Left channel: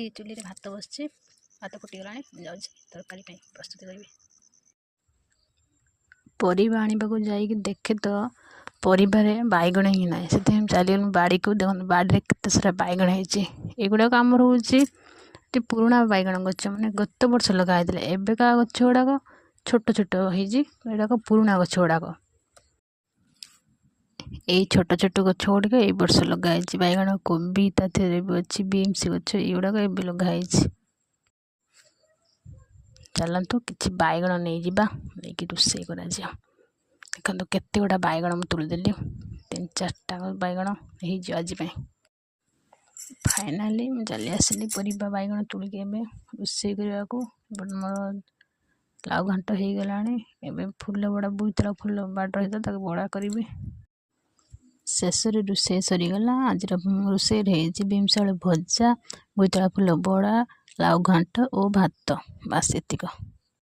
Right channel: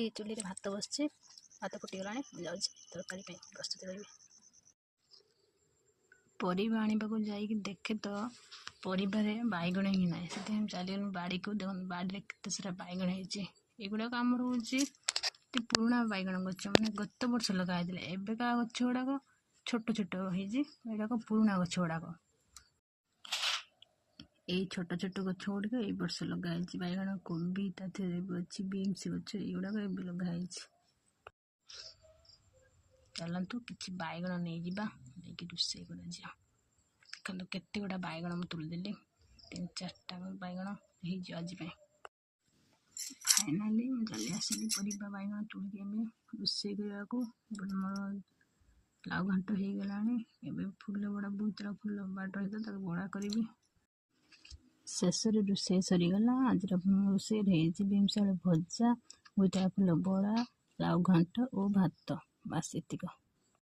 ଏଠି ଚୁଲିରେ ଭାତ ବସିଛି। ଭାତ ଫୁଟିଗଲାଣି। ମୁଁ ଯାଉଛି ତରକାରୀ ପାଇଁ ପ୍ରସ୍ତୁତି କରିବି। ପରିବା ଆଣିବାକୁ ଯାଇକି ଦେଖେ ତ ପରିବାରେ ବାଇଗଣ ହିଁ ନାହିଁ। ସେଥିପାଇଁ ଚାଲିଗଲୁ ବାଡ଼ିକୁ। ଦେଖନ୍ତୁ ବାଡ଼ିରେ କେତେ ସାରା ବାଇଗଣ ହେଇଛି। ଏଗୁଡ଼ାକ ଆମର ହେଉଛି ପୁରୁଣା ବାଇଗଣ ଗଛ, ମାନେ ଗତ ବର୍ଷ ଲଗା ହେଇଥିଲା। ଏବେକା ଗଛ ଗୁଡ଼ାକ ଛୋଟ ଛୋଟ ହେଇଛି। ଏଗୁଡ଼ାକ ପୁରୁଣା ଗଛ ଗୁଡ଼ାକ। ଏଇ ଛୋଟ ଛୋଟ ଗଛ ଗୁଡ଼ିକ ଏଇ ବର୍ଷ ଲଗା ହେଇଛି। ବାଇଗଣ, କୋବି ତା ଦେହରେ ବି ଅଛି, ବିମ୍ସ ଗଛ ଏଗୁଡ଼ାକ ଏବେ ଲଗା ହେଇଛି। ଚାଲନ୍ତୁ କିଛି ବାଇଗଣ ନେଇଯିବା, ନେଇକି ରୋଷେଇ କରାଯିବ। ଦେଖନ୍ତୁ କେତେ ଗୁଡ଼ା ବାଇଗଣ ମୁଁ ତୁଳିଦେଲି। 3-4ଟା ବାଇଗଣ ହେଇଯିବ ଆଜି ପାଇଁ। ଫାଇନାଲି ମୁଁ ଚାଲି ଆସିଲି ପରିବା ବାଇଗଣ ତୁଳିକି ଏବେ ରୋଷେଇ କରିବାକୁ। ମୋର ଲାଉ ଘାଣ୍ଟ ହେଇଗଲାଣି। ଏବେ ଫୁଲ ବଡ଼ା, ବୋଇତାଳୁ ଫୁଲ ବାଡ଼ ହେଇଥିଲା, ତାକୁ ବଡ଼ା କରିବି। ଶେଷରେ ରୋଷେଇ ସରିଗଲା। ଆଜିର ରୋଷେଇରେ ହେଇଛି ବିମ୍ସ ଆଳୁ ଭଜା, ବୋଇତାଳୁ ଫୁଲ ବଡ଼ା, ଲାଉ ଘାଣ୍ଟ ଓ ଭାତ। ବାସ୍ ଏତିକ।